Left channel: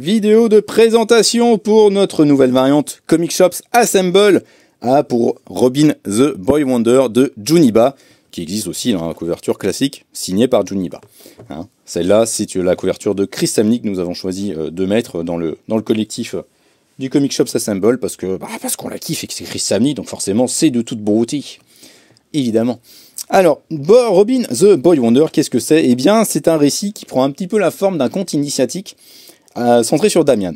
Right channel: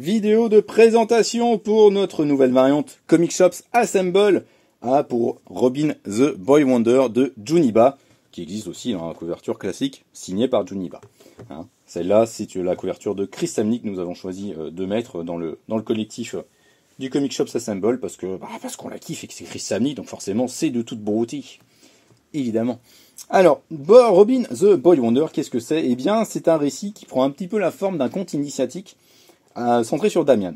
Vidéo de présentation pour notre nouvelle variante Comic Shops Assemble pour Robin the Boy Wonder de Juniba, qui existe aussi dans la couverture classique signée par Juniba. Hein, celle-là, c'est la couverture de Chris Samney que nous avons choisi de mettre dans le collectif du Comic Shops Assemble parce qu'on la kiffe et que c'est Chris Samney, donc forcément c'est de toute beauté, évidemment. Alors, Robin the Boy Wonder, qu'est-ce que c'est? Eh bien, c'est un récit qui prend un petit peu la forme d'un conte initiatique centré sur Damian.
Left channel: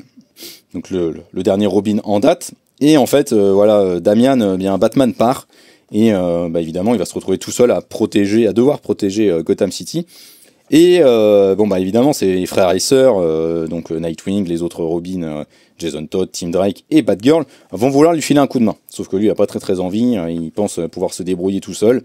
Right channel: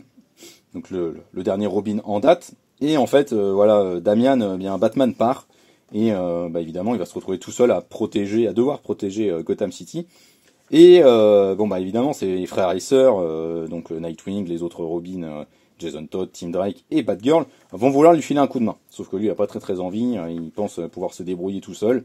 Donc le dernier Robin en date. Et en fait, voilà, Damian, bien Batman part. Et évidemment, il va se retrouver tout seul à devoir protéger Gotham City. Et évidemment, ses frères et sœurs, donc Nightwing, les autres Robin, Jason Todd, Tim Drake et Batgirl, vont vouloir lui filer un coup de main. Sauf que lui, il n'a pas très envie. Il pense pouvoir se débrouiller tout seul.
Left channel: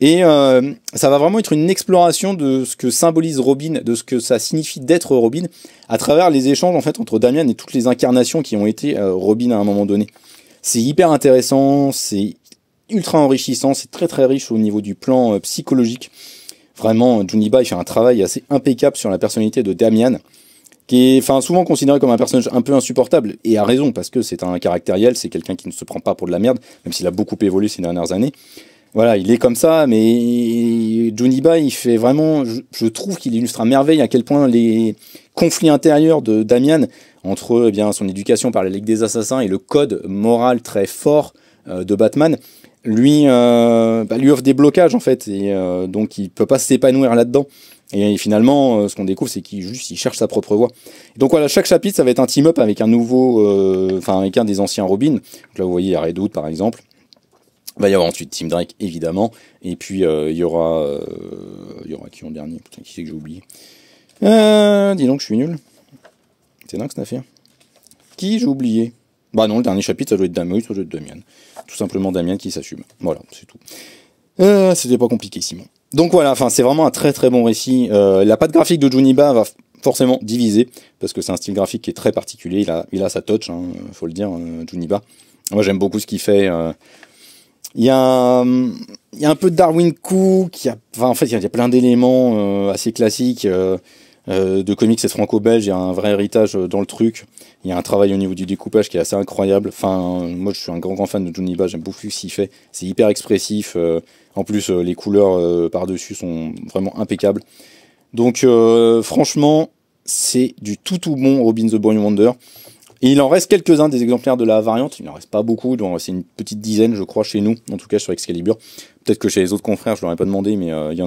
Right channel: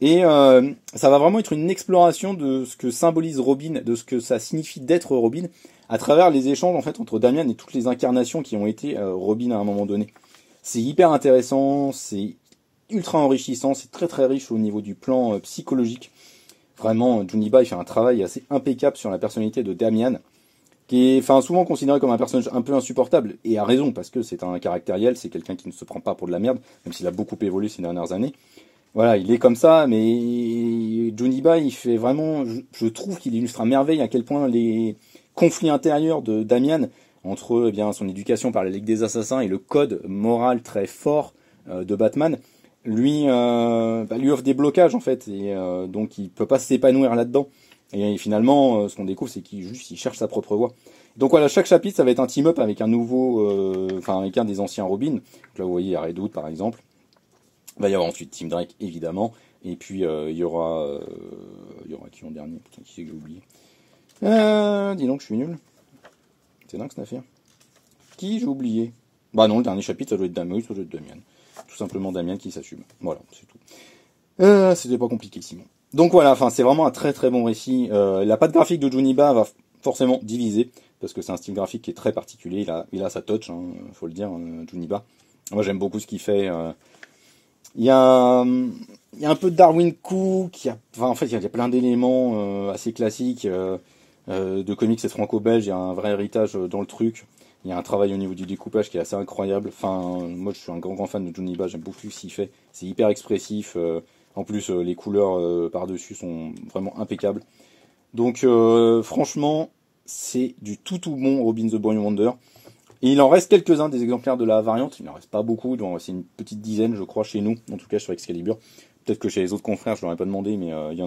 Et ça va vraiment être une exploration de ce que symbolise Robin, de ce que ça signifie d'être Robin, à travers les échanges en fait entre Damian et toutes les incarnations qui ont été Robin à un moment donné. C'est hyper intéressant, c'est ultra enrichissant, c'est très riche au niveau du plan psychologique. Vraiment, Juniba il fait un travail assez impeccable sur la personnalité de Damian, qui est souvent considéré comme un personnage un peu insupportable, et à raison, parce que c'est un caractériel, c'est quelqu'un qui ne se prend pas pour de la merde, même s'il a beaucoup évolué ces dernières années. Voilà, il est comme ça, mais Juniba, il fait vraiment... Je trouve qu'il illustre à merveille à quel point les conflits intérieurs de Damian, entre son éducation par la Ligue des Assassins et le code moral très fort de Batman, lui offre des blocages, en fait, et donc il peut pas s'épanouir là-dedans. Et finalement, ce qu'on découvre, c'est qu'il cherche sa propre voie. Donc voilà, chaque chapitre, ça va être un team-up avec un nouveau... avec un des anciens Robin. Donc là, vous voyez, il y a Red Hood, par exemple. Il va y avoir ensuite Tim Drake, évidemment. Et puis, il y aura qui en dernier? Putain, qui c'est que j'ai oublié? Dis donc, je suis nul. C'est dingue, cette affaire. Qui j'ai oublié? Bah non, le dernier chapitre, ça doit être Damian. Tout simplement Damian qui s'assume. Voilà, c'est tout. C'était pas compliqué, Simon. Donc voilà, c'est vraiment un très bon récit. La patte graphique de Juniba va forcément diviser, parce que c'est un style graphique qui est très particulier. Il a sa touch, faut le dire, Juniba. Moi, j'aime beaucoup ce qu'il fait. Il y a un peu de Darwin Cook, il y a plein d'éléments assez classiques de comics franco-belge, il y a un vrai héritage dans le truc, il y a un travail au niveau du découpage qui est assez incroyable. Moi je suis un grand fan de Juniba, j'aime beaucoup ce qu'il fait, c'est hyper expressif, en plus les couleurs par-dessus sont vraiment impeccables. Donc franchement, c'est du tout bon Robin the Boy Wonder. Et il en reste quelques-uns des exemplaires de la variante, il n'en reste pas beaucoup, c'est une petite dizaine je crois chez nous, en tout cas sur Excalibur. Peut-être que chez les autres confrères je leur ai pas demandé, mais il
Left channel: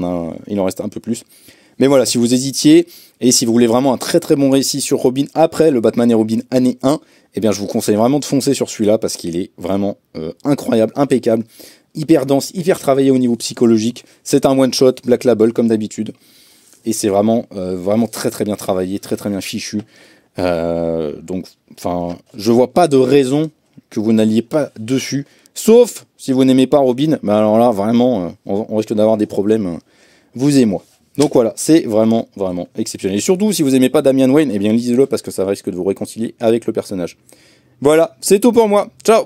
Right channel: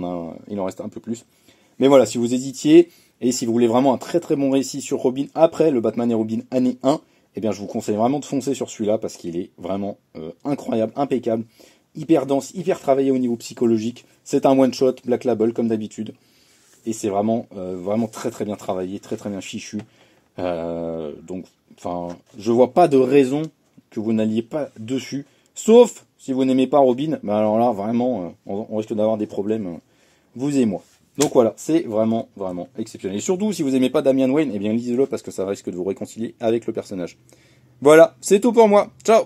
en reste un peu plus. Mais voilà, si vous hésitiez, et si vous voulez vraiment un très bon récit sur Robin après le Batman et Robin année 1, eh bien je vous conseille vraiment de foncer sur celui-là, parce qu'il est vraiment incroyable, impeccable, hyper dense, hyper travaillé au niveau psychologique. C'est un one-shot, Black Label comme d'habitude, et c'est vraiment très bien travaillé, très bien fichu. Je vois pas de raison que vous n'alliez pas dessus, sauf si vous n'aimez pas Robin, mais alors là vraiment on risque d'avoir des problèmes, vous et moi. Donc voilà, c'est vraiment exceptionnel. Et surtout si vous aimez pas Damian Wayne, eh bien lisez-le, parce que ça risque de vous réconcilier avec le personnage. Voilà, c'est tout pour moi, ciao.